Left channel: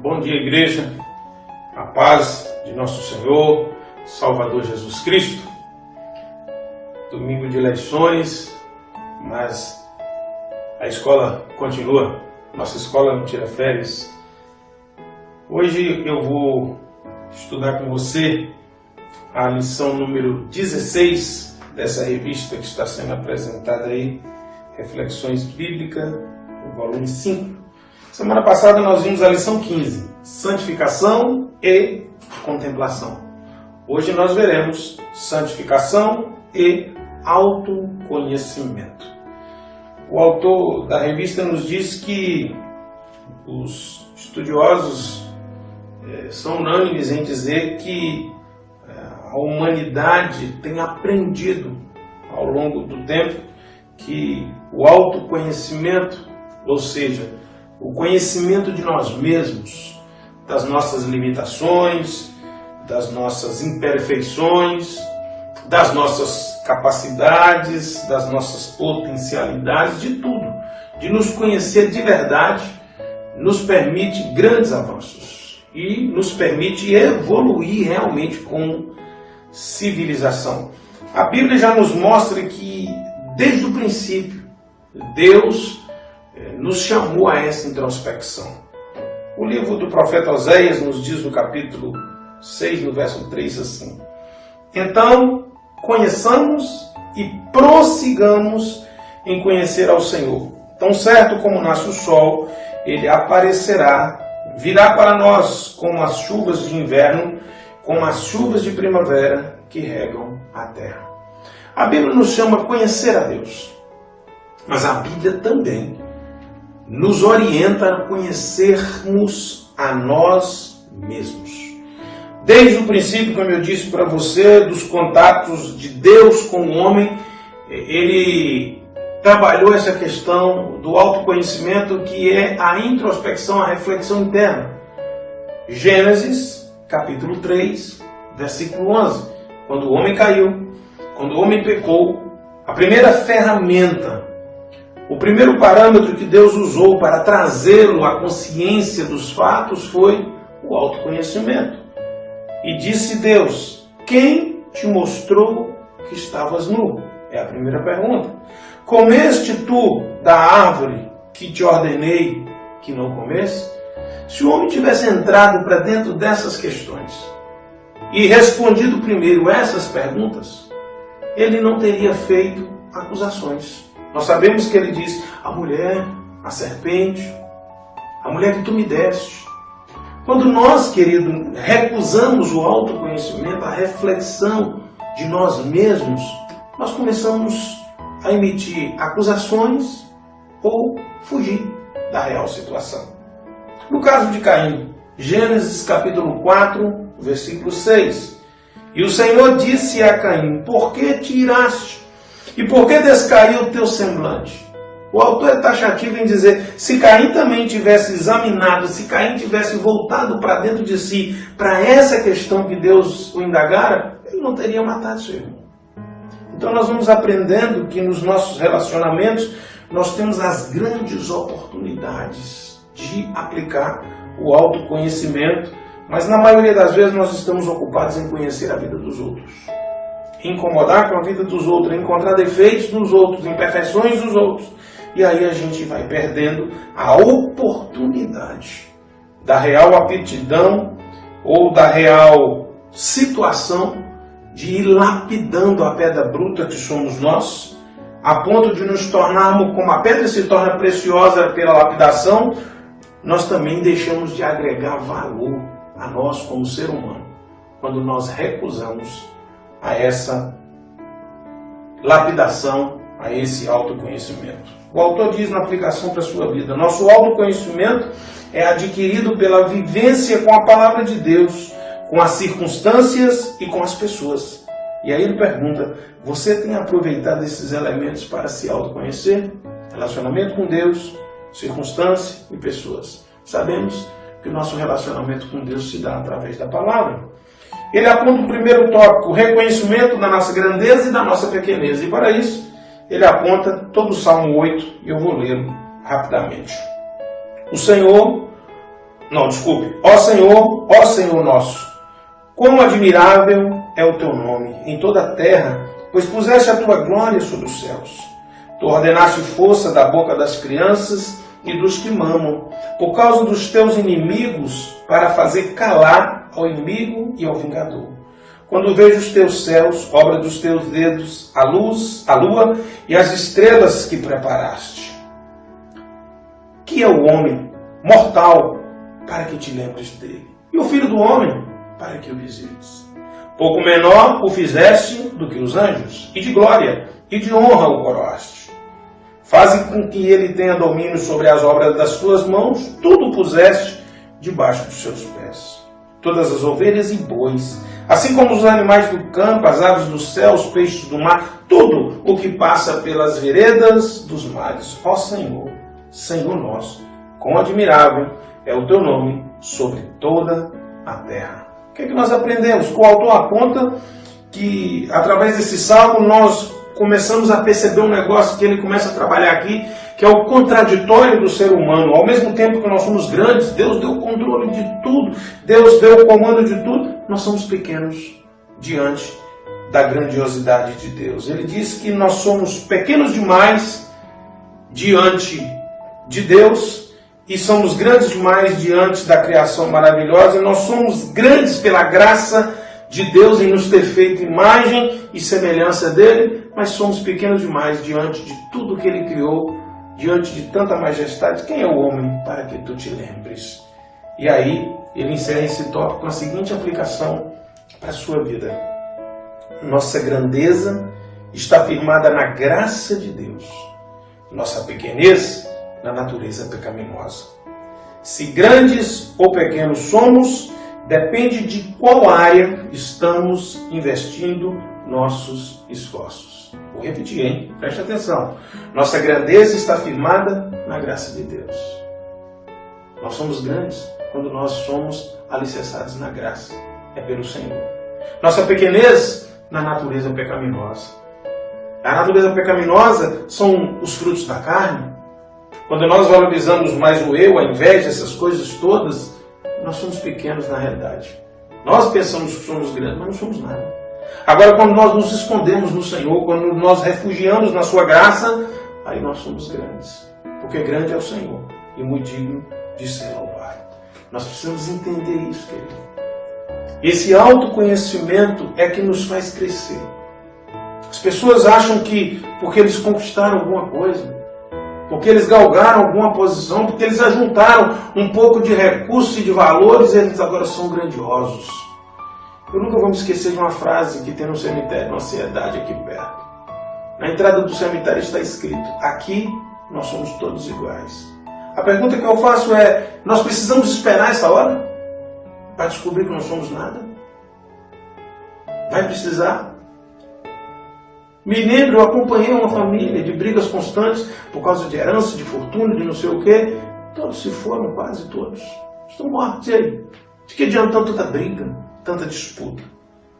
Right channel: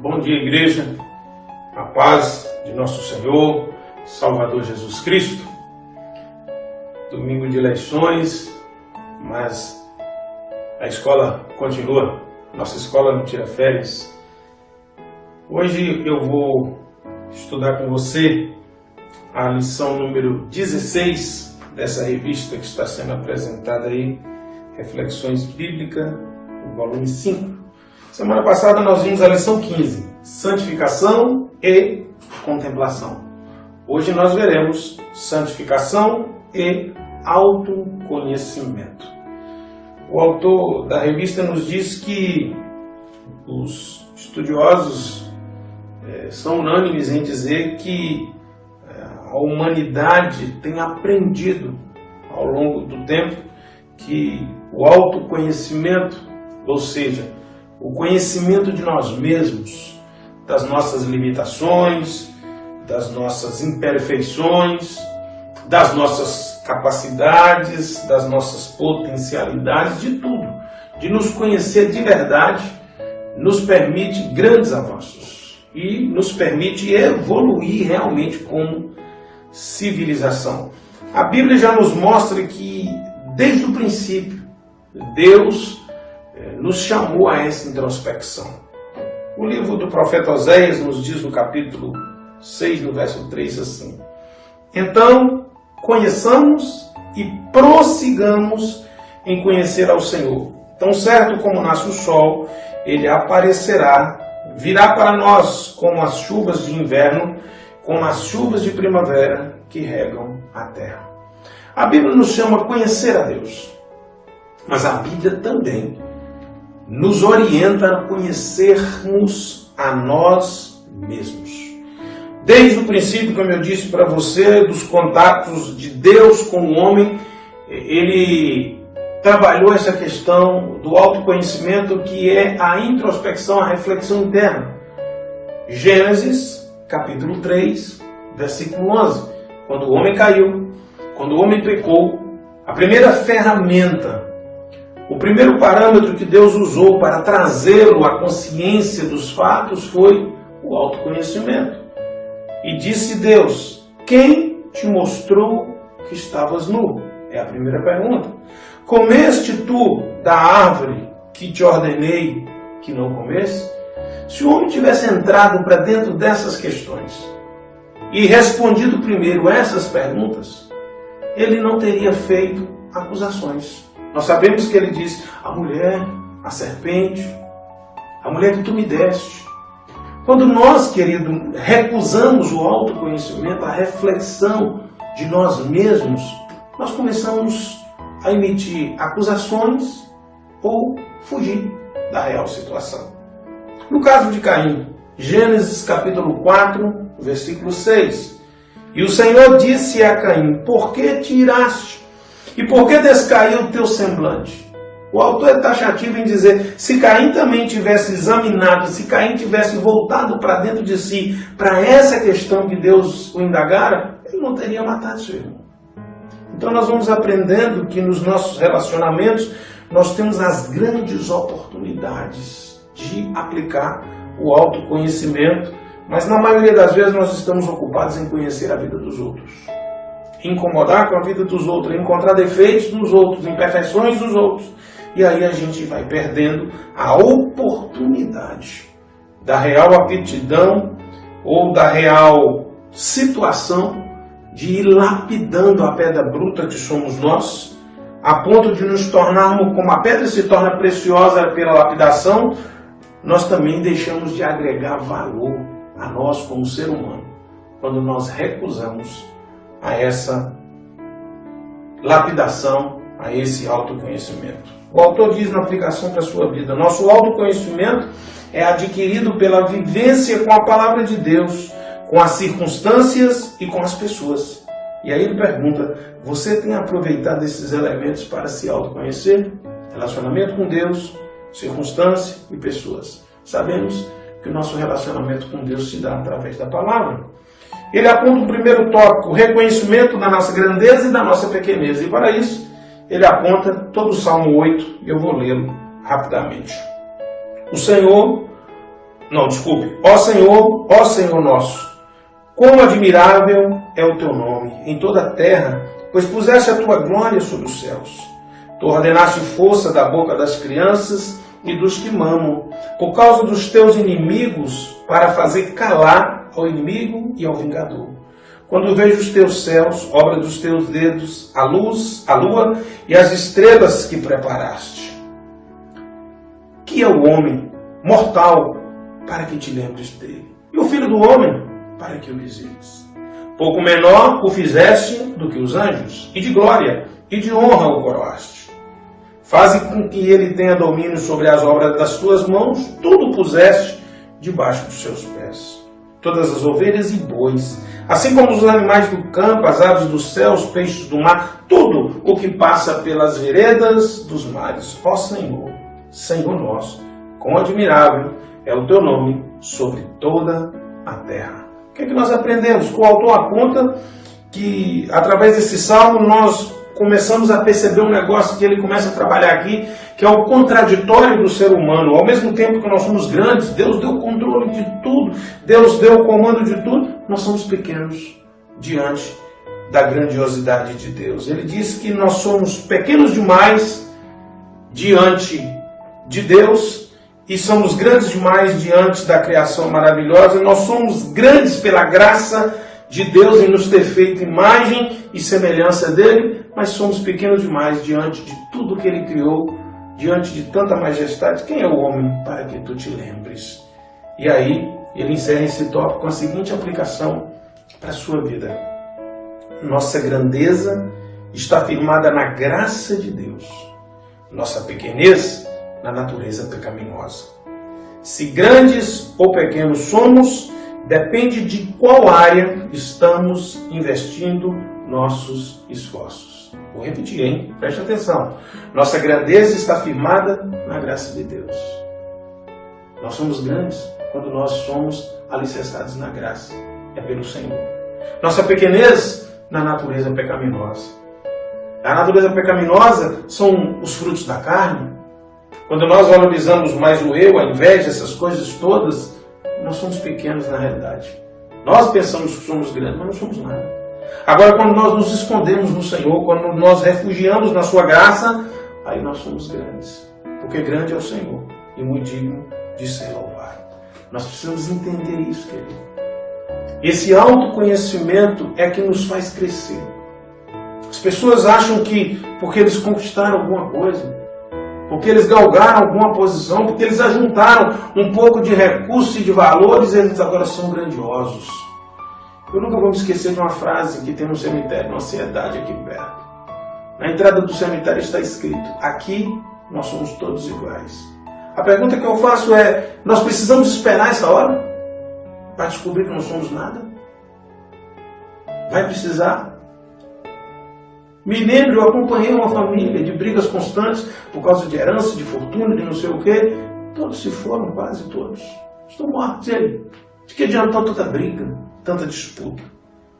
Bom dia, igreja. A paz de nosso Senhor, Salvador Jesus Cristo. Domingo de eleições, mas a escola continua. Nossa escola não tira férias. Hoje eu vou estudar com você a lição número 16 dessa revista que está sendo apresentada aí, Reflexões Bíblicas, o volume 5. Semana passada nós vimos a lição 15, santificação e contemplação. Hoje nós veremos santificação e autoconhecimento. O autor da revista nos diz que os estudiosos são unânimes em dizer que a humanidade tem aprendido ao longo do tempo que o autoconhecimento, ou seja, o conhecimento de nós mesmos, das nossas limitações, das nossas imperfeições, das nossas capacidades, das nossas potencialidades, de tudo, de nos conhecer de verdade, nos permite grandes avanços e nos permite evoluir realmente como civilização. A Bíblia já nos mostra que, desde o princípio, Deus nos chamou a essa introspecção. O livro do profeta Oséias nos diz no capítulo 6, no verso 3, assim: então, conheçamos e prossigamos em conhecer ao Senhor. Tão certo como nasce o sol, ele aparecerá, virá para nós como as chuvas de inverno, como as chuvas de primavera que regam a terra. A Bíblia nos chama a conhecer a Deus, mas a Bíblia também nos orienta a conhecermos a nós mesmos. Desde o princípio, como eu disse para você, dos contatos de Deus com o homem, ele trabalhou essa questão do autoconhecimento, que é a introspecção, a reflexão interna. Gênesis, capítulo 3, versículo 11. Quando o homem caiu, quando o homem pecou, a primeira ferramenta, o primeiro parâmetro que Deus usou para trazê-lo à consciência dos fatos foi o autoconhecimento. E disse Deus: quem te mostrou que estavas nu? É a primeira pergunta. Comeste tu da árvore que te ordenei que não comesse? Se o homem tivesse entrado para dentro dessas questões e respondido primeiro essas perguntas, ele não teria feito acusações. Nós sabemos que ele diz: a mulher, a serpente, a mulher que tu me deste. Quando nós, querido, recusamos o autoconhecimento, a reflexão de nós mesmos, nós começamos a emitir acusações ou fugir da real situação. No caso de Caim, Gênesis capítulo 4, versículo 6. E o Senhor disse a Caim: por que te iraste? E por que descaiu o teu semblante? O autor é taxativo em dizer: se Caim também tivesse examinado, se Caim tivesse voltado para dentro de si, para essa questão que Deus o indagara, ele não teria matado seu irmão. Então nós vamos aprendendo que nos nossos relacionamentos nós temos as grandes oportunidades de aplicar o autoconhecimento, mas na maioria das vezes nós estamos ocupados em conhecer a vida dos outros, incomodar com a vida dos outros, encontrar defeitos dos outros, imperfeições dos outros. E aí a gente vai perdendo a oportunidade da real aptidão ou da real situação de ir lapidando a pedra bruta que somos nós, a ponto de nos tornarmos, como a pedra se torna preciosa pela lapidação, nós também deixamos de agregar valor a nós como ser humano, quando nós recusamos a essa lapidação, a esse autoconhecimento. O autor diz na aplicação para a sua vida: nosso autoconhecimento é adquirido pela vivência com a palavra de Deus, com as circunstâncias e com as pessoas. E aí ele pergunta: você tem aproveitado esses elementos para se autoconhecer? Relacionamento com Deus, circunstância e pessoas. Sabemos que o nosso relacionamento com Deus se dá através da palavra. Ele aponta o primeiro tópico: o reconhecimento da nossa grandeza e da nossa pequeneza. E para isso, ele aponta todo o Salmo 8, e eu vou lê-lo rapidamente. O Senhor Não, desculpe. Ó Senhor nosso, quão admirável é o teu nome em toda a terra, pois puseste a tua glória sobre os céus. Tu ordenaste força da boca das crianças e dos que mamam, por causa dos teus inimigos, para fazer calar ao inimigo e ao vingador. Quando vejo os teus céus, obra dos teus dedos, a luz, a lua e as estrelas que preparaste. Que é o homem mortal para que te lembres dele, e o filho do homem para que o visites. Pouco menor o fizeste do que os anjos, e de glória e de honra o coroaste. Faze com que ele tenha domínio sobre as obras das tuas mãos, tudo puseste debaixo dos seus pés. Todas as ovelhas e bois, assim como os animais do campo, as aves do céu, os peixes do mar, tudo o que passa pelas veredas dos mares. Ó Senhor, Senhor nosso, quão admirável é o teu nome sobre toda a terra. O que é que nós aprendemos? O autor aponta que, através desse salmo, nós começamos a perceber um negócio que ele começa a trabalhar aqui, que é o contraditório do ser humano. Ao mesmo tempo que nós somos grandes, Deus deu o controle de tudo, Deus deu o comando de tudo, nós somos pequenos diante da grandiosidade de Deus. Ele diz que nós somos pequenos demais diante de Deus e somos grandes demais diante da criação maravilhosa. Nós somos grandes pela graça de Deus em nos ter feito imagem e semelhança dele, mas somos pequenos demais diante de tudo que ele criou, diante de tanta majestade. Quem é o homem para que tu te lembres? E aí ele encerra esse tópico com a seguinte aplicação para a sua vida. Nossa grandeza está firmada na graça de Deus, nossa pequenez na natureza pecaminosa. Se grandes ou pequenos somos, depende de qual área estamos investindo nossos esforços. Vou repetir, hein? Preste atenção. Nossa grandeza está firmada na graça de Deus. Nós somos grandes quando nós somos alicerçados na graça. É pelo Senhor. Nossa pequenez na natureza pecaminosa. A natureza pecaminosa são os frutos da carne. Quando nós valorizamos mais o eu, a inveja, essas coisas todas, nós somos pequenos na realidade. Nós pensamos que somos grandes, mas não somos nada. Agora, quando nós nos escondemos no Senhor, quando nós refugiamos na sua graça, aí nós somos grandes. Porque grande é o Senhor e muito digno de ser louvado. Nós precisamos entender isso, querido. Esse autoconhecimento é que nos faz crescer. As pessoas acham que porque eles conquistaram alguma coisa, porque eles galgaram alguma posição, porque eles ajuntaram um pouco de recursos e de valores, eles agora são grandiosos. Eu nunca vou me esquecer de uma frase que tem no cemitério, uma cidade aqui perto. Na entrada do cemitério está escrito: aqui nós somos todos iguais. A pergunta que eu faço é: nós precisamos esperar essa hora para descobrir que não somos nada? Vai precisar? Me lembro, eu acompanhei uma família de brigas constantes por causa de herança, de fortuna, de não sei o quê. Todos se foram, quase todos. Estão mortos. E aí? De que adiantou tanta briga, tanta disputa?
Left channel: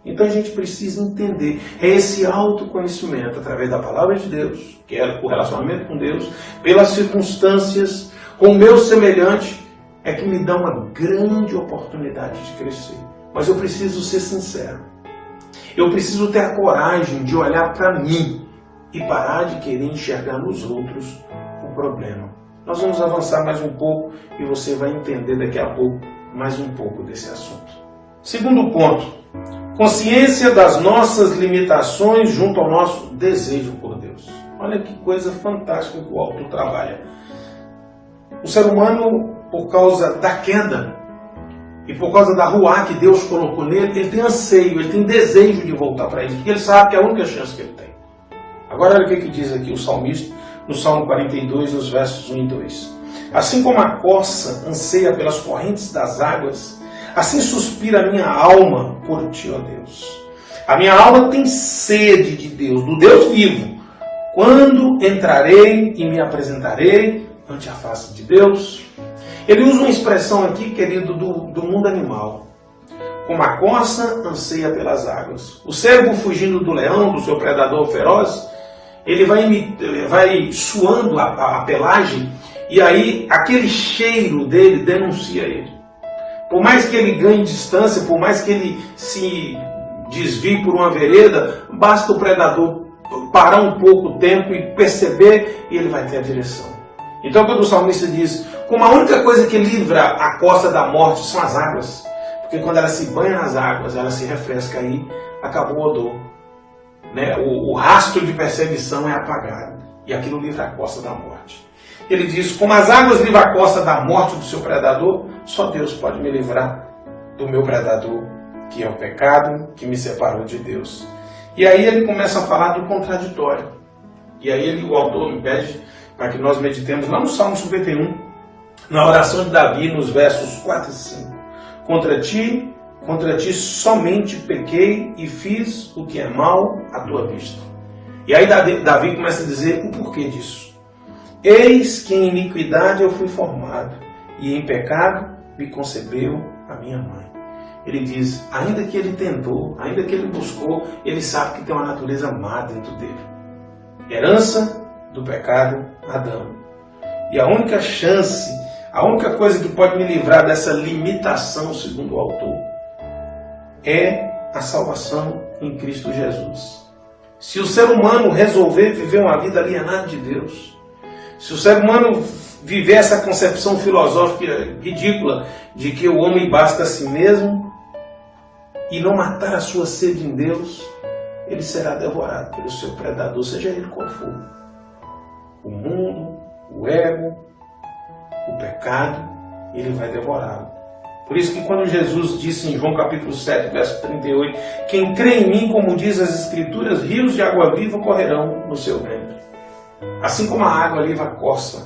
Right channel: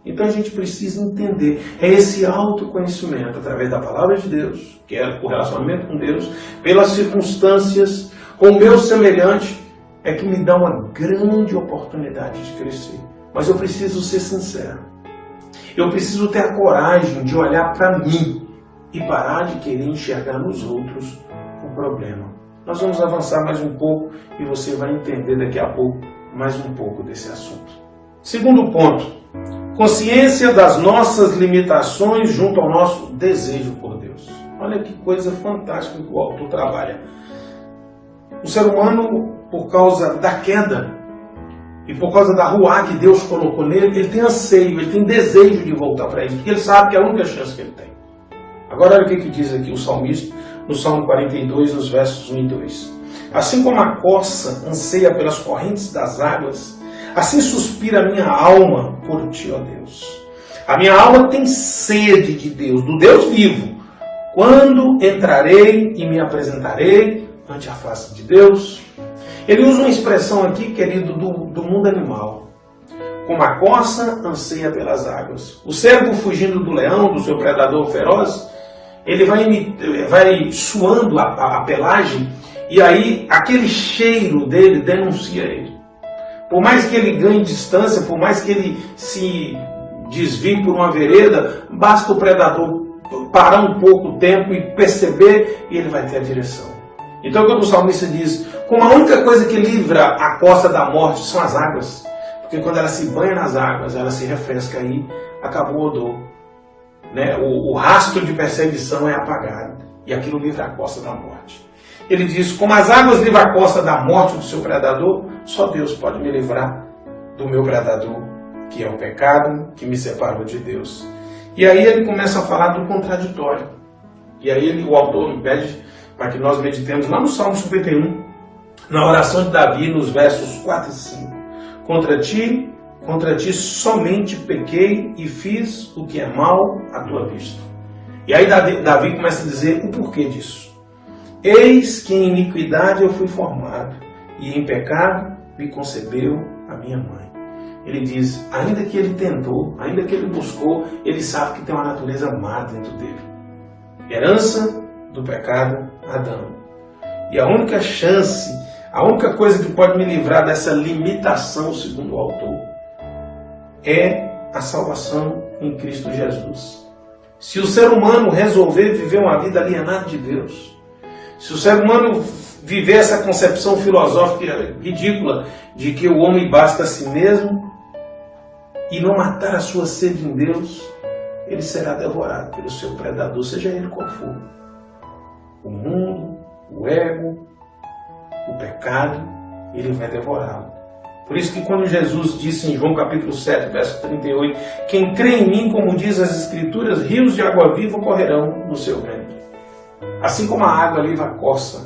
Então a gente precisa entender. É esse autoconhecimento, através da palavra de Deus, que é o relacionamento com Deus, pelas circunstâncias, com o meu semelhante, é que me dá uma grande oportunidade de crescer. Mas eu preciso ser sincero. Eu preciso ter a coragem de olhar para mim e parar de querer enxergar nos outros o problema. Nós vamos avançar mais um pouco e você vai entender daqui a pouco mais um pouco desse assunto. Segundo ponto, consciência das nossas limitações junto ao nosso desejo por Deus. Olha que coisa fantástica que o autor trabalha. O ser humano, por causa da queda, e por causa da ruá que Deus colocou nele, ele tem anseio, ele tem desejo de voltar para ele, porque ele sabe que é a única chance que ele tem. Agora olha o que diz aqui o salmista, no Salmo 42, nos versos 1 e 2. Assim como a corça anseia pelas correntes das águas, assim suspira a minha alma por ti, ó Deus. A minha alma tem sede de Deus, do Deus vivo. Quando entrarei e me apresentarei ante a face de Deus? Ele usa uma expressão aqui, querido, do mundo animal. Como a corça anseia pelas águas. O cervo fugindo do leão, do seu predador feroz, ele vai suando a pelagem, e aí aquele cheiro dele denuncia ele. Por mais que ele ganhe distância, por mais que ele se desvie por uma vereda, basta o predador parar um pouco o tempo e perceber, e ele vai ter a direção. Então quando o salmista diz, como a única coisa que livra a costa da morte são as águas, porque quando ela se banha nas águas, ela se refresca, aí acabou o odor. Né? O rastro de perseguição é apagado, e aquilo livra a costa da morte. Ele diz, como as águas livram a costa da morte do seu predador, só Deus pode me livrar do meu predador, que é o pecado, que me separou de Deus. E aí ele começa a falar do contraditório. E aí o autor me pede para que nós meditemos lá no Salmo 51, na oração de Davi, nos versos 4 e 5. Contra ti somente pequei e fiz o que é mal à tua vista. E aí Davi começa a dizer o porquê disso. Eis que em iniquidade eu fui formado, e em pecado me concebeu a minha mãe. Ele diz, ainda que ele tentou, ainda que ele buscou, ele sabe que tem uma natureza má dentro dele. Herança do pecado, Adão. E a única chance, a única coisa que pode me livrar dessa limitação, segundo o autor, é a salvação em Cristo Jesus. Se o ser humano resolver viver uma vida alienada de Deus, se o ser humano viver essa concepção filosófica ridícula de que o homem basta a si mesmo e não matar a sua sede em Deus, ele será devorado pelo seu predador, seja ele qual for. O mundo, o ego, o pecado, ele vai devorá-lo. Por isso que quando Jesus disse em João capítulo 7, verso 38, quem crê em mim, como diz as Escrituras, rios de água viva correrão no seu ventre. Assim como a água livra a costa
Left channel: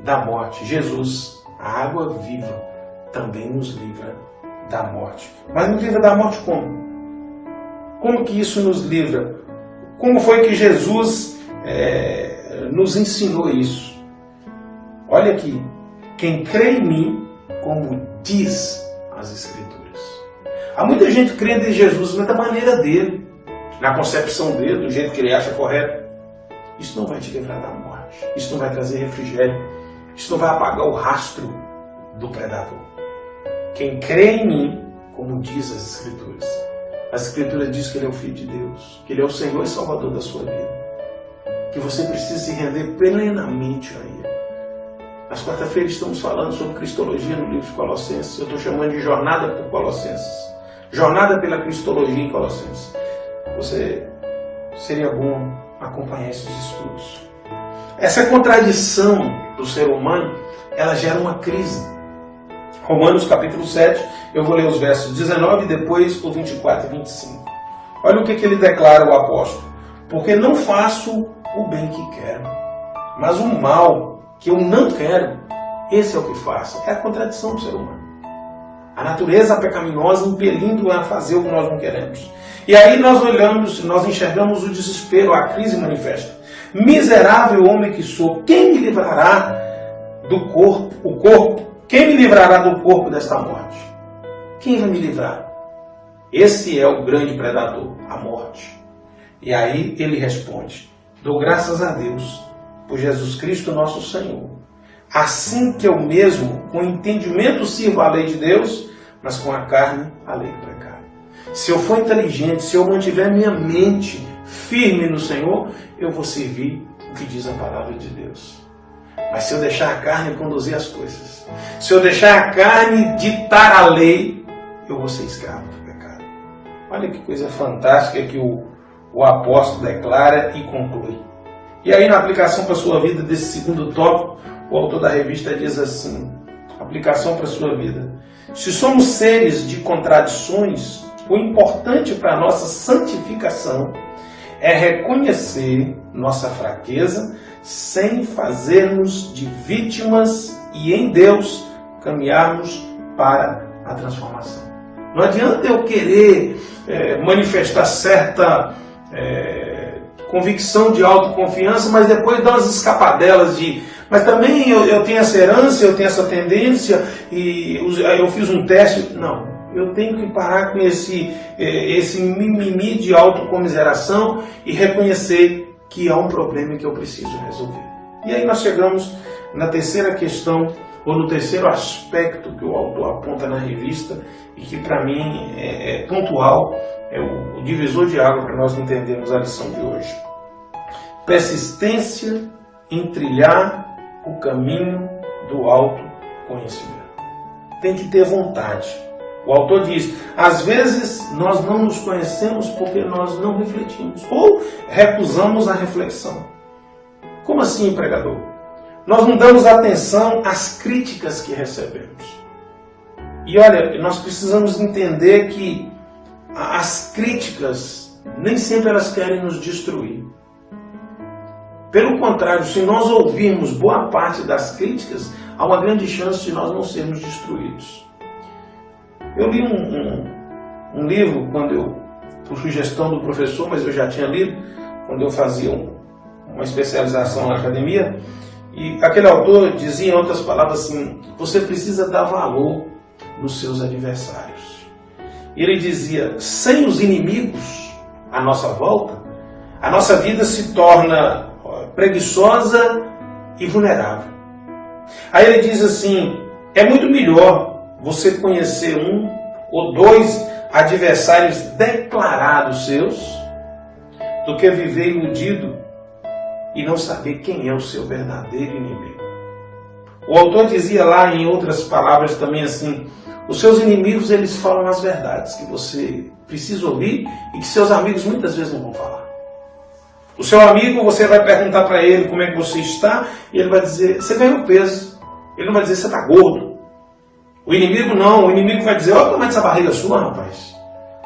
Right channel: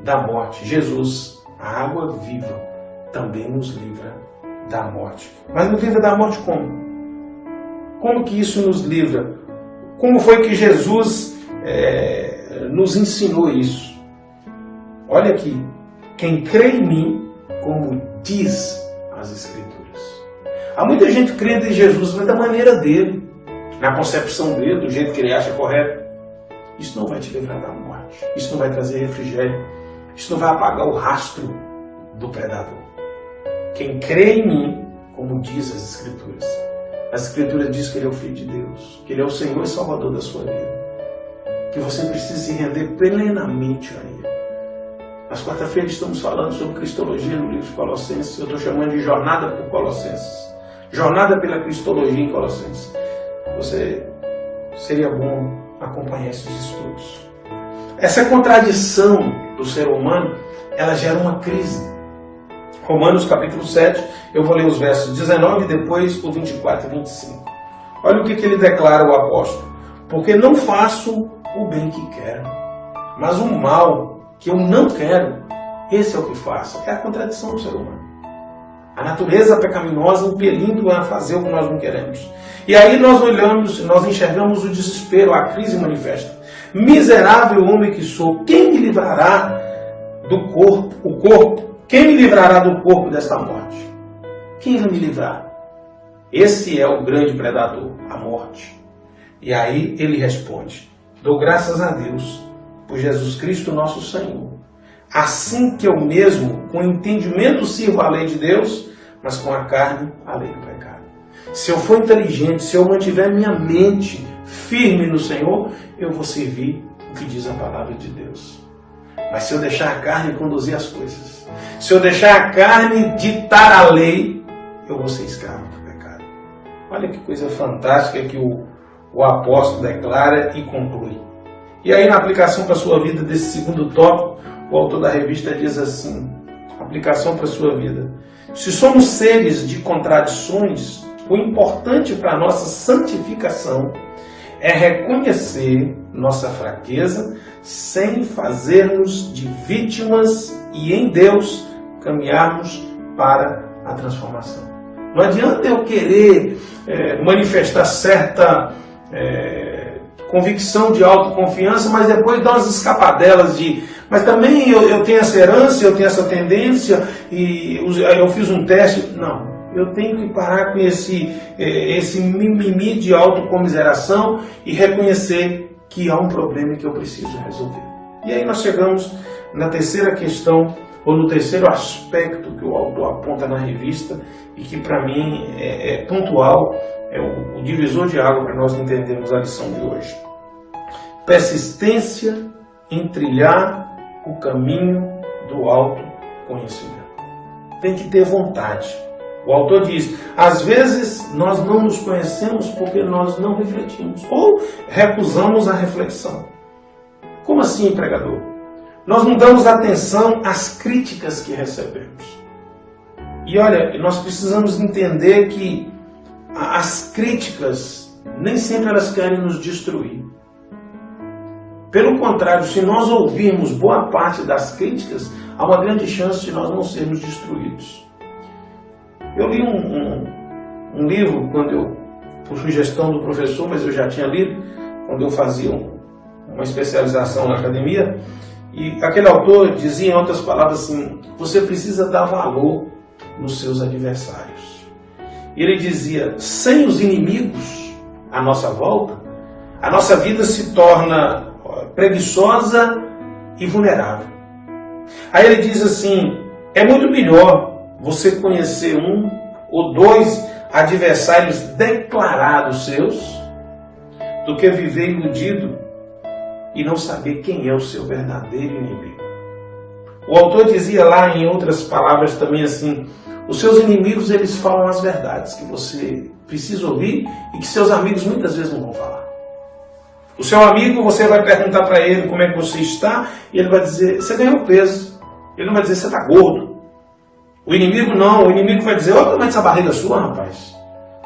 da morte, Jesus, a água viva, também nos livra da morte. Mas nos livra da morte como? Como que isso nos livra? Como foi que Jesus nos ensinou isso? Olha aqui, quem crê em mim, como diz as Escrituras. Há muita gente crendo em Jesus da maneira dele, na concepção dele, do jeito que ele acha correto. Isso não vai te livrar da morte. Isso não vai trazer refrigério. Isso não vai apagar o rastro do predador. Quem crê em mim, como diz as Escrituras. As Escrituras diz que ele é o Filho de Deus, que ele é o Senhor e Salvador da sua vida. Que você precisa se render plenamente a ele. Nas quarta-feiras estamos falando sobre Cristologia no livro de Colossenses. Eu estou chamando de Jornada por Colossenses. Jornada pela Cristologia em Colossenses. Seria bom acompanhar esses estudos. Essa contradição do ser humano, ela gera uma crise. Romanos capítulo 7, eu vou ler os versos 19 e depois o 24 e 25. Olha o que ele declara, o apóstolo. Porque não faço o bem que quero, mas o mal que eu não quero, esse é o que faço. É a contradição do ser humano. A natureza pecaminosa impelindo a fazer o que nós não queremos. E aí nós olhamos, nós enxergamos o desespero, a crise manifesta. Miserável homem que sou, quem me livrará do corpo? Quem me livrará do corpo desta morte? Quem vai me livrar? Esse é o grande predador, a morte. E aí ele responde, dou graças a Deus por Jesus Cristo nosso Senhor. Assim que eu mesmo, com entendimento, sirvo a lei de Deus, mas com a carne, a lei do pecado. Se eu for inteligente, se eu mantiver minha mente firme no Senhor, eu vou servir o que diz a palavra de Deus. Mas se eu deixar a carne conduzir as coisas, se eu deixar a carne ditar a lei, eu vou ser escravo do pecado. Olha que coisa fantástica que o apóstolo declara e conclui. E aí, na aplicação para a sua vida desse segundo tópico, o autor da revista diz assim, aplicação para a sua vida. Se somos seres de contradições, o importante para a nossa santificação é reconhecer nossa fraqueza sem fazermos de vítimas e em Deus caminharmos para a transformação. Não adianta eu querer manifestar certa convicção de autoconfiança, mas depois dar umas escapadelas mas também eu tenho essa herança, eu tenho essa tendência, e eu fiz um teste. Não, eu tenho que parar com esse mimimi de autocomiseração e reconhecer que há um problema que eu preciso resolver. E aí nós chegamos na terceira questão ou no terceiro aspecto que o autor aponta na revista e que para mim é pontual, é o divisor de água para nós entendermos a lição de hoje. Persistência em trilhar o caminho do autoconhecimento. Tem que ter vontade. O autor diz, às vezes nós não nos conhecemos porque nós não refletimos ou recusamos a reflexão. Como assim, pregador? Nós não damos atenção às críticas que recebemos. E olha, nós precisamos entender que as críticas, nem sempre elas querem nos destruir. Pelo contrário, se nós ouvirmos boa parte das críticas, há uma grande chance de nós não sermos destruídos. Eu li um livro, por sugestão do professor, mas eu já tinha lido, quando eu fazia uma especialização na academia, e aquele autor dizia, em outras palavras, assim, você precisa dar valor nos seus adversários. E ele dizia, sem os inimigos à nossa volta, a nossa vida se torna preguiçosa e vulnerável. Aí ele diz assim, é muito melhor você conhecer um ou dois adversários declarados seus do que viver iludido e não saber quem é o seu verdadeiro inimigo. O autor dizia lá, em outras palavras também assim, os seus inimigos, eles falam as verdades que você precisa ouvir e que seus amigos muitas vezes não vão falar. O seu amigo, você vai perguntar para ele como é que você está, e ele vai dizer, você ganhou peso. Ele não vai dizer, você está gordo. O inimigo não, o inimigo vai dizer, olha o tamanho dessa barriga sua, rapaz.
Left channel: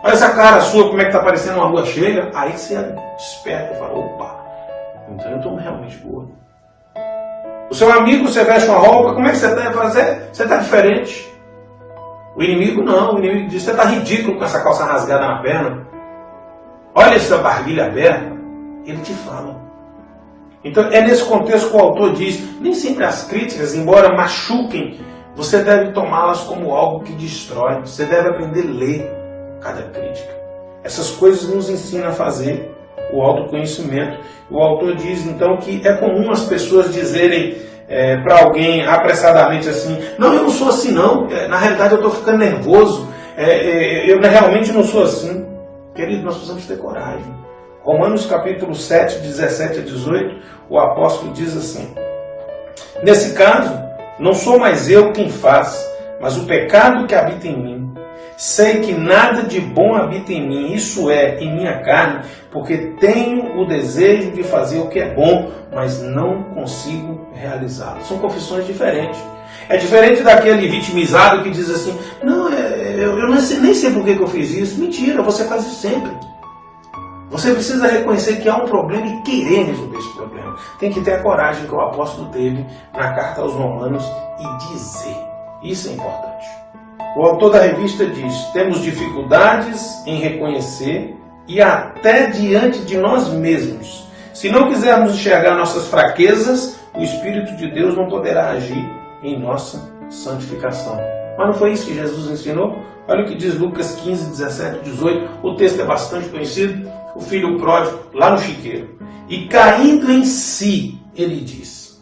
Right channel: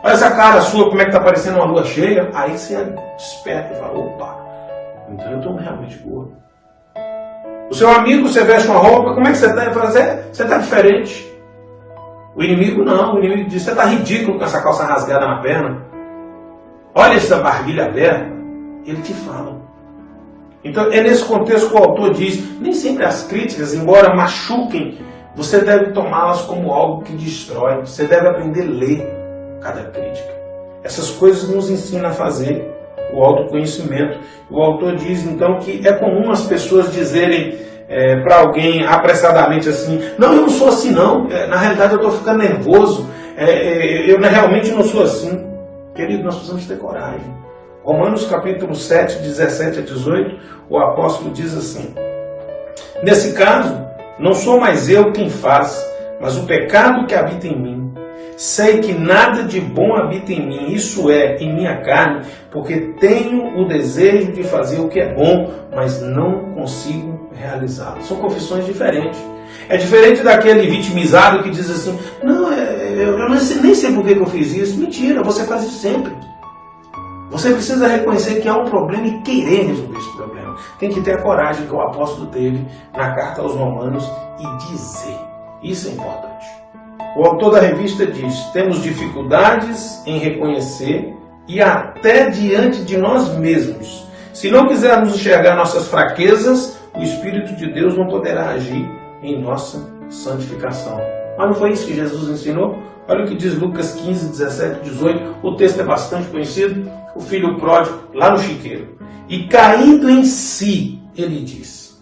Olha essa cara sua, como é que está parecendo uma lua cheia. Aí você desperta e fala, opa, então eu estou realmente gordo. O seu amigo, você veste uma roupa, como é que você está? Ele fala, você está diferente. O inimigo não, o inimigo diz, você está ridículo com essa calça rasgada na perna. Olha essa barriga aberta. Ele te fala. Então é nesse contexto que o autor diz, nem sempre as críticas, embora machuquem, você deve tomá-las como algo que destrói. Você deve aprender a ler cada crítica. Essas coisas nos ensinam a fazer o autoconhecimento. O autor diz então que é comum as pessoas dizerem para alguém apressadamente assim, não, eu não sou assim não, na realidade eu estou ficando nervoso, eu realmente não sou assim. Querido, nós precisamos ter coragem. Romanos capítulo 7, 17 a 18, o apóstolo diz assim, nesse caso, não sou mais eu quem faz, mas o pecado que habita em mim. Sei que nada de bom habita em mim, isso é, em minha carne, porque tenho o desejo de fazer o que é bom, mas não consigo realizá-lo. São confissões diferentes. É diferente daquele vitimizado que diz assim, não, eu nem sei por que eu fiz isso. Mentira, você faz isso sempre. Você precisa reconhecer que há um problema e querer resolver esse problema. Tem que ter a coragem que o apóstolo teve na carta aos Romanos e dizer. Isso é importante. O autor da revista diz, temos dificuldades em reconhecer e até diante de nós mesmos. Se não quisermos enxergar nossas fraquezas, o Espírito de Deus não poderá agir em nossa santificação. Mas não foi isso que Jesus ensinou? Olha o que diz Lucas 15, 17, 18. O texto é bastante conhecido. O filho pródigo, lá no chiqueiro. E caindo em si, ele diz,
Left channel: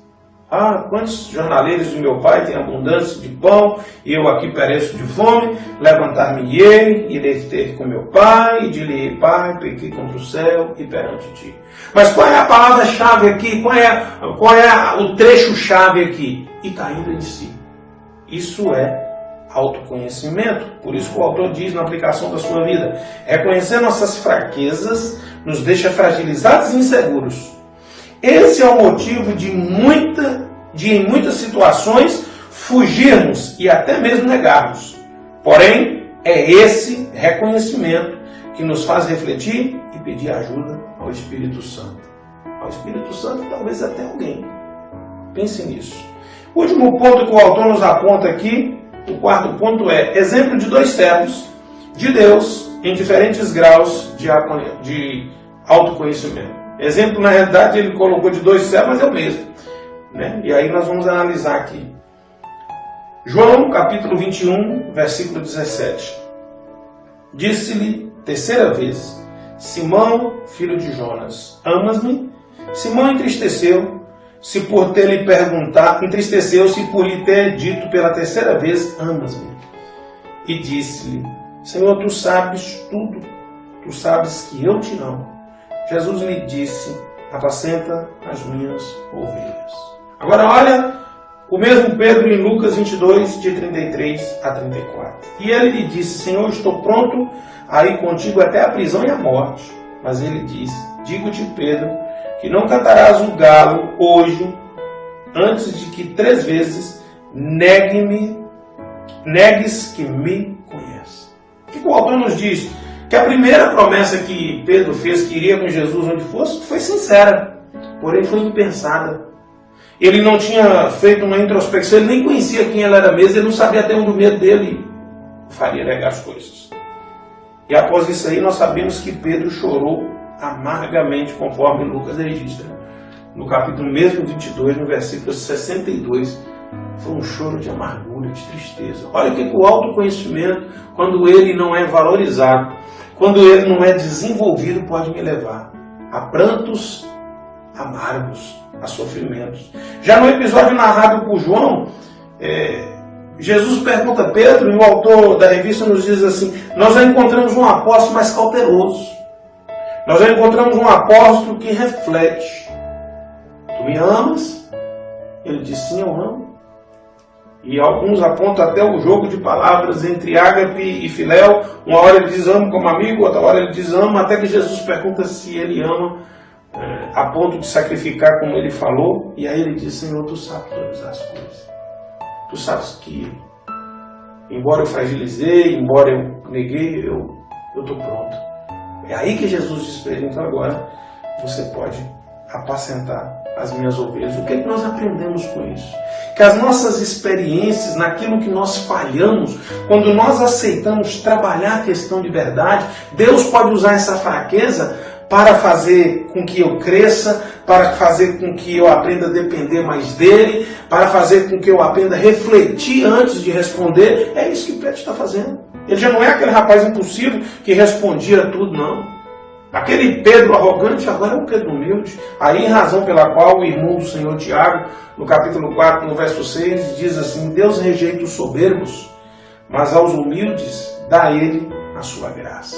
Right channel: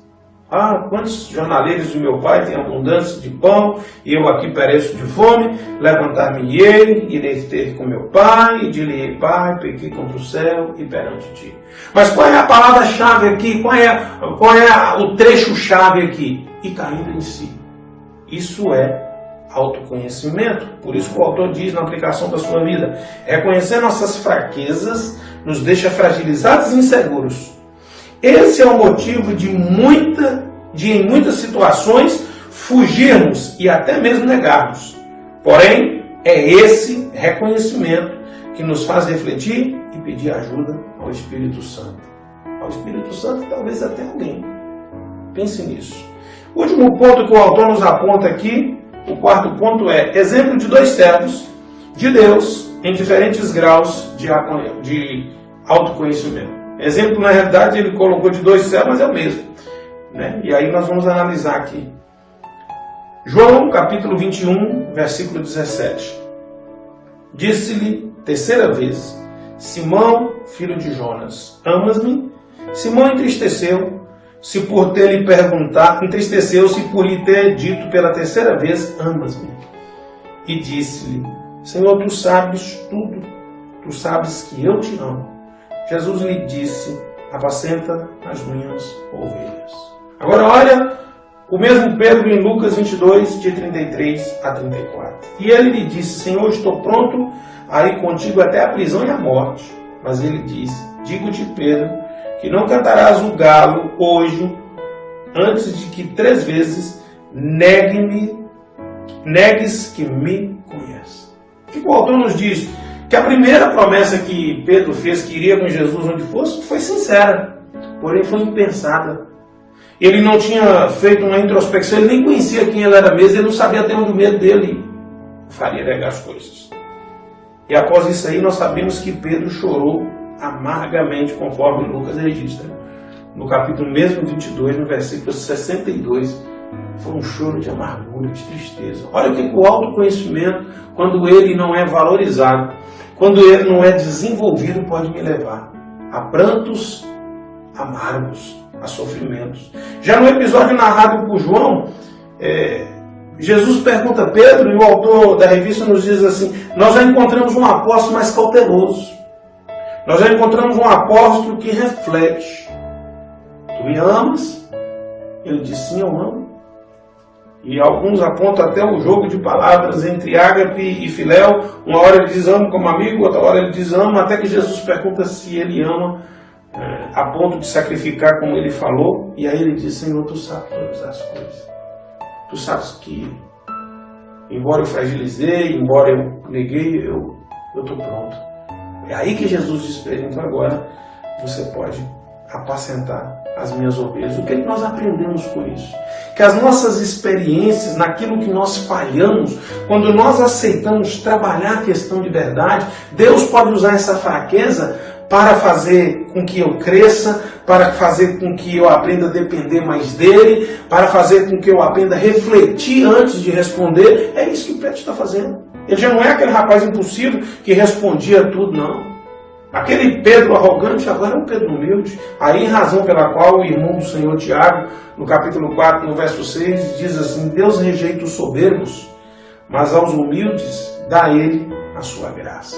quantos jornaleiros do meu pai têm abundância de pão, e eu aqui pereço de fome, levantar-me-ei, irei ter com meu pai, e direi, pai, pequei contra o céu e perante ti. Mas qual é a palavra-chave aqui? Qual é o trecho-chave aqui? E caindo em si. Isso é autoconhecimento. Por isso que o autor diz na aplicação da sua vida, reconhecer nossas fraquezas nos deixa fragilizados e inseguros. Esse é o motivo de em muitas situações fugirmos e até mesmo negarmos. Porém, é esse reconhecimento que nos faz refletir e pedir ajuda ao Espírito Santo. Ao Espírito Santo, talvez até alguém. Pense nisso. O último ponto que o autor nos aponta aqui, o quarto ponto é exemplo de dois servos de Deus em diferentes graus de autoconhecimento. Exemplo, na realidade, ele colocou de dois servos, mas é o mesmo. Né? E aí nós vamos analisar aqui. João, capítulo 21, versículo 17. Disse-lhe, terceira vez, Simão, filho de Jonas, amas-me? Simão entristeceu, se por ter lhe perguntado, entristeceu-se por lhe ter dito pela terceira vez, amas-me. E disse-lhe, Senhor, tu sabes tudo, tu sabes que eu te amo. Jesus lhe disse, apacenta as minhas ovelhas. Agora olha o mesmo Pedro em Lucas 22, de 33 a 34. E ele lhe disse, Senhor, estou pronto a ir contigo até a prisão e a morte. Mas ele disse, digo-te, Pedro, que não cantarás o galo hoje, antes de que 3 vezes negues que me conhece. O que o autor nos diz? Que a primeira promessa que Pedro fez, que iria com Jesus onde fosse, foi sincera, porém foi impensada. Ele não tinha feito uma introspecção, ele nem conhecia quem ele era mesmo, ele não sabia até onde o medo dele faria negar as coisas. E após isso aí, nós sabemos que Pedro chorou amargamente, conforme Lucas registra. No capítulo mesmo 22, no versículo 62, foi um choro de amargura, de tristeza. Olha o que o autoconhecimento, quando ele não é valorizado, quando ele não é desenvolvido, pode me levar a prantos amargos, a sofrimentos. Já no episódio narrado por João, Jesus pergunta a Pedro, e o autor da revista nos diz assim, nós já encontramos um apóstolo mais cauteloso. Nós já encontramos um apóstolo que reflete. Tu me amas? Ele diz, sim, eu amo. E alguns apontam até o jogo de palavras entre ágape e filéu. Uma hora ele diz amo como amigo, outra hora ele diz amo, até que Jesus pergunta se ele ama a ponto de sacrificar como ele falou. E aí ele diz, Senhor, tu sabes todas as coisas. Tu sabes que, embora eu fragilizei, embora eu neguei, eu estou pronto. É aí que Jesus diz para ele, então agora você pode apacentar as minhas ovelhas. O que é que nós aprendemos com isso? Que as nossas experiências, naquilo que nós falhamos, quando nós aceitamos trabalhar a questão de verdade, Deus pode usar essa fraqueza para fazer com que eu cresça, para fazer com que eu aprenda a depender mais dele, para fazer com que eu aprenda a refletir antes de responder. É isso que Pedro está fazendo. Ele já não é aquele rapaz impulsivo que respondia a tudo, não. Aquele Pedro arrogante agora é um Pedro humilde. Aí, razão pela qual o irmão do Senhor Tiago, no capítulo 4, no verso 6, diz assim, Deus rejeita os soberbos, mas aos humildes dá ele a sua graça.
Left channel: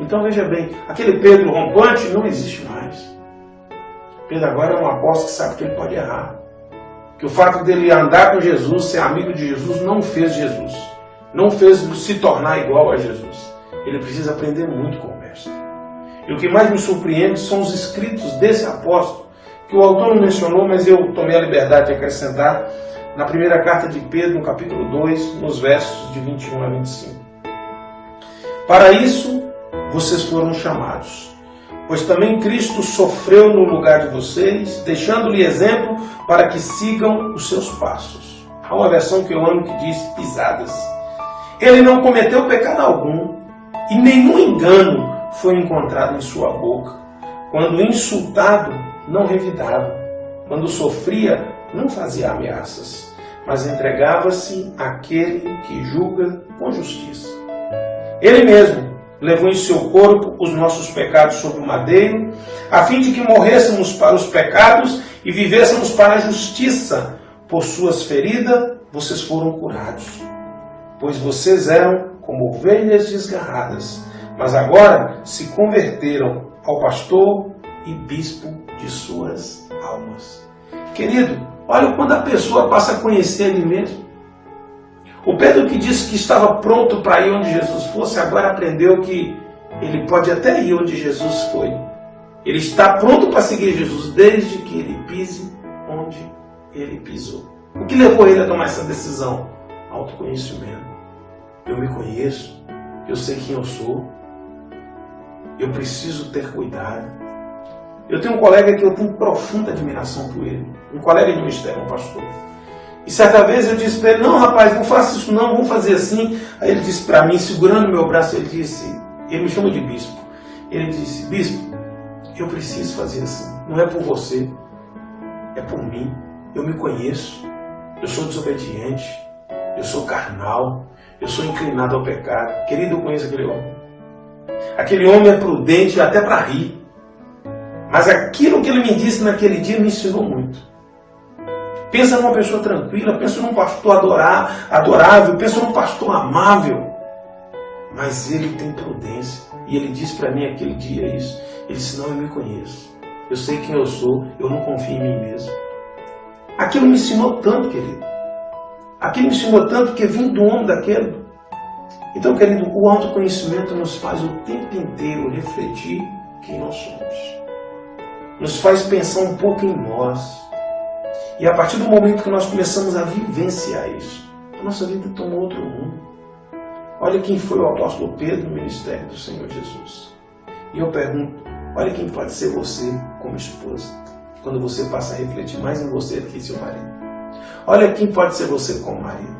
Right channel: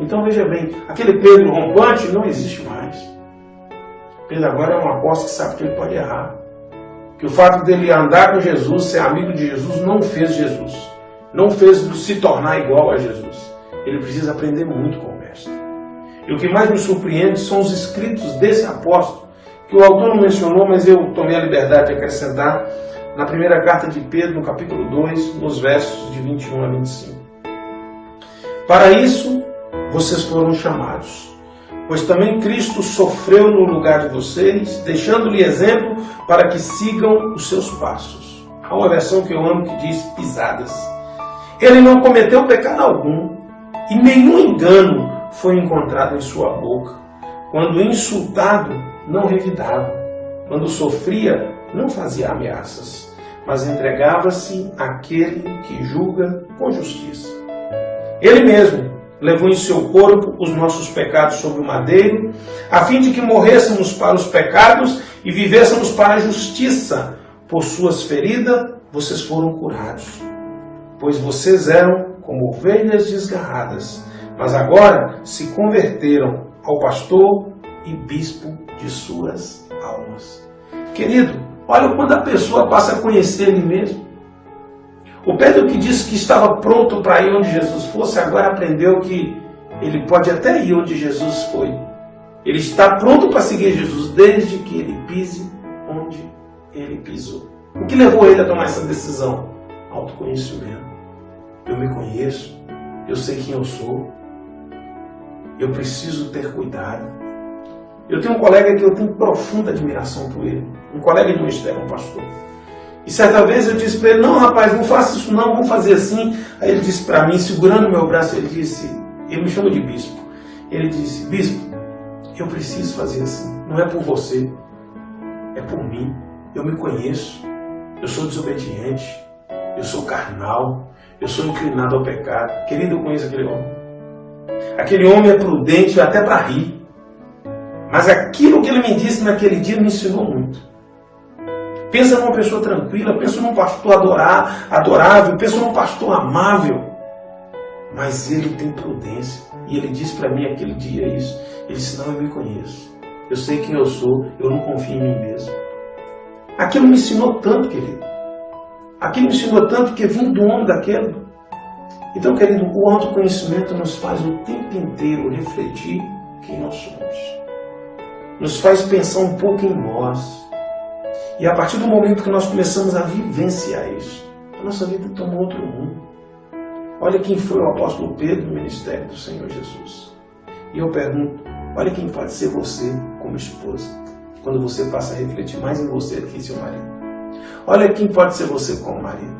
Então veja bem, aquele Pedro rompante não existe mais. Pedro agora é um apóstolo que sabe que ele pode errar. Que o fato dele andar com Jesus, ser amigo de Jesus, não fez Jesus. Não fez se tornar igual a Jesus. Ele precisa aprender muito com o mestre. E o que mais me surpreende são os escritos desse apóstolo, que o autor não mencionou, mas eu tomei a liberdade de acrescentar na primeira carta de Pedro, no capítulo 2, nos versos de 21 a 25. Para isso, vocês foram chamados, pois também Cristo sofreu no lugar de vocês, deixando-lhe exemplo para que sigam os seus passos. Há uma versão que eu amo que diz pisadas. Ele não cometeu pecado algum, e nenhum engano foi encontrado em sua boca. Quando insultado, não revidava. Quando sofria, não fazia ameaças, mas entregava-se àquele que julga com justiça. Ele mesmo levou em seu corpo os nossos pecados sobre o madeiro, a fim de que morrêssemos para os pecados e vivêssemos para a justiça. Por suas feridas, vocês foram curados. Pois vocês eram como ovelhas desgarradas, mas agora se converteram ao pastor e bispo de suas almas. Querido, olha quando a pessoa passa a conhecer ele mesmo. O Pedro que disse que estava pronto para ir onde Jesus fosse, agora aprendeu que ele pode até ir onde Jesus foi. Ele está pronto para seguir Jesus desde que ele pise onde ele pisou. O que levou ele a tomar essa decisão? Autoconhecimento. Eu me conheço, eu sei quem eu sou, eu preciso ter cuidado. Eu tenho um colega que eu tenho profunda admiração por ele, um colega de ministério, um pastor. E certa vez eu disse para ele, não rapaz, não faça isso não, vamos fazer assim. Aí ele disse para mim, segurando meu braço, ele me chama de bispo. Ele disse, bispo, eu preciso fazer assim, não é por você, é por mim. Eu me conheço, eu sou desobediente, eu sou carnal, eu sou inclinado ao pecado. Querido, eu conheço aquele homem. Aquele homem é prudente até para rir. Mas aquilo que ele me disse naquele dia me ensinou muito. Pensa numa pessoa tranquila, pensa num pastor adorável, pensa num pastor amável. Mas ele tem prudência. E ele disse para mim aquele dia isso. Ele disse, não, eu me conheço. Eu sei quem eu sou, eu não confio em mim mesmo. Aquilo me ensinou tanto, querido. Aquilo me ensinou tanto que vim do homem daquele. Então, querido, o autoconhecimento nos faz o tempo inteiro refletir quem nós somos. Nos faz pensar um pouco em nós. E a partir do momento que nós começamos a vivenciar isso, a nossa vida tomou outro rumo. Olha quem foi o apóstolo Pedro no ministério do Senhor Jesus. E eu pergunto, olha quem pode ser você como esposa, quando você passa a refletir mais em você do que em seu marido. Olha quem pode ser você como marido,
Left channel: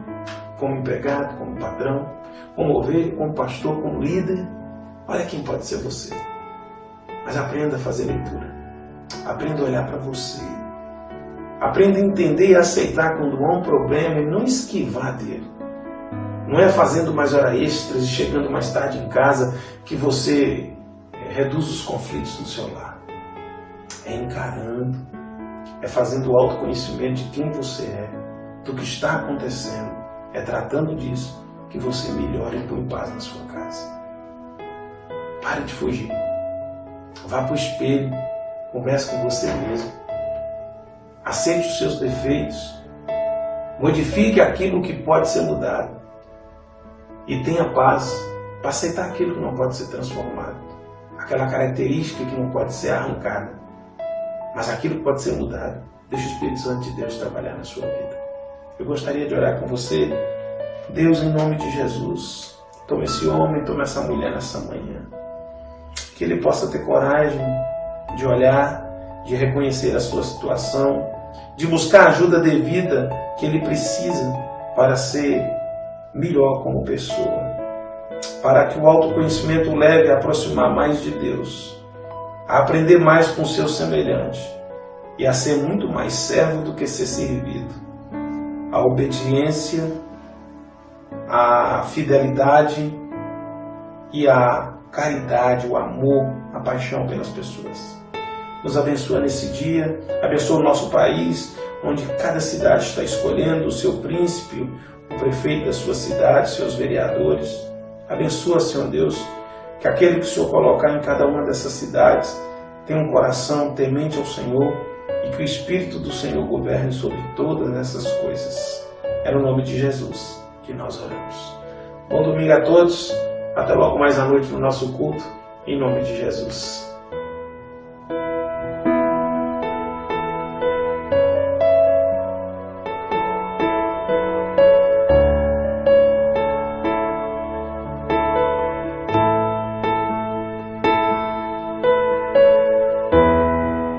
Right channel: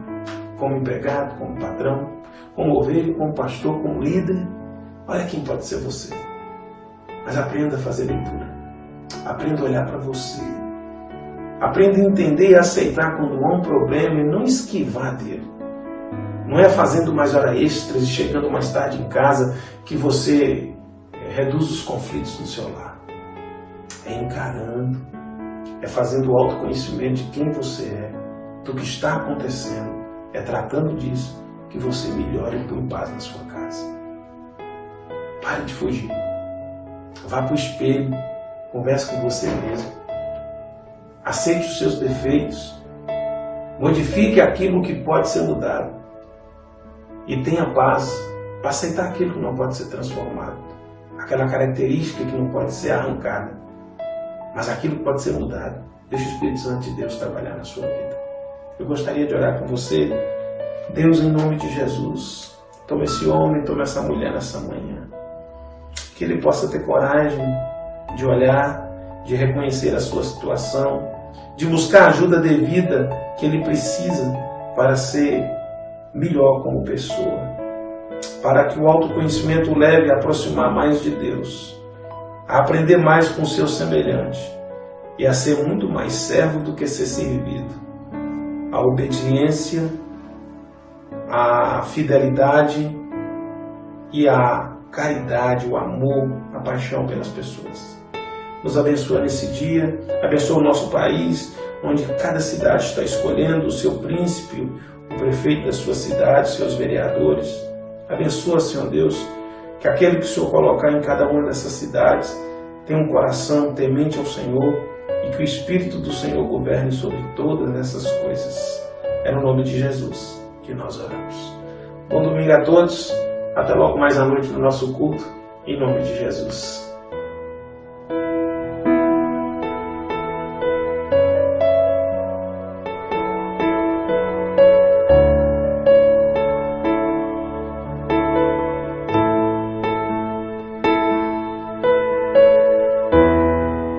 como empregado, como patrão, como ovelha, como pastor, como líder. Olha quem pode ser você. Mas aprenda a fazer leitura. Aprenda a olhar para você. Aprenda a entender e aceitar quando há um problema e não esquivar dele. Não é fazendo mais horas extras e chegando mais tarde em casa que você reduz os conflitos no seu lar. É encarando, é fazendo o autoconhecimento de quem você é, do que está acontecendo, é tratando disso que você melhora e põe paz na sua casa. Pare de fugir. Vá para o espelho, converse com você mesmo. Aceite os seus defeitos. Modifique aquilo que pode ser mudado. E tenha paz para aceitar aquilo que não pode ser transformado. Aquela característica que não pode ser arrancada. Mas aquilo que pode ser mudado. Deixe o Espírito Santo de Deus trabalhar na sua vida. Eu gostaria de orar com você. Deus, em nome de Jesus, tome esse homem, tome essa mulher nessa manhã. Que ele possa ter coragem de olhar, de reconhecer a sua situação, de buscar a ajuda devida que ele precisa para ser melhor como pessoa, para que o autoconhecimento o leve a aproximar mais de Deus, a aprender mais com o seu semelhante e a ser muito mais servo do que ser servido. A obediência, a fidelidade e a caridade, o amor, a paixão pelas pessoas. Nos abençoa nesse dia, abençoa o nosso país, onde cada cidade está escolhendo o seu príncipe, o prefeito da sua cidade, seus vereadores. Abençoa, Senhor Deus, que aquele que o Senhor colocar em cada uma dessas cidades tenha um coração temente ao Senhor e que o Espírito do Senhor governe sobre todas essas coisas. É no nome de Jesus que nós oramos. Bom domingo a todos. Até logo mais à noite no nosso culto. Em nome de Jesus.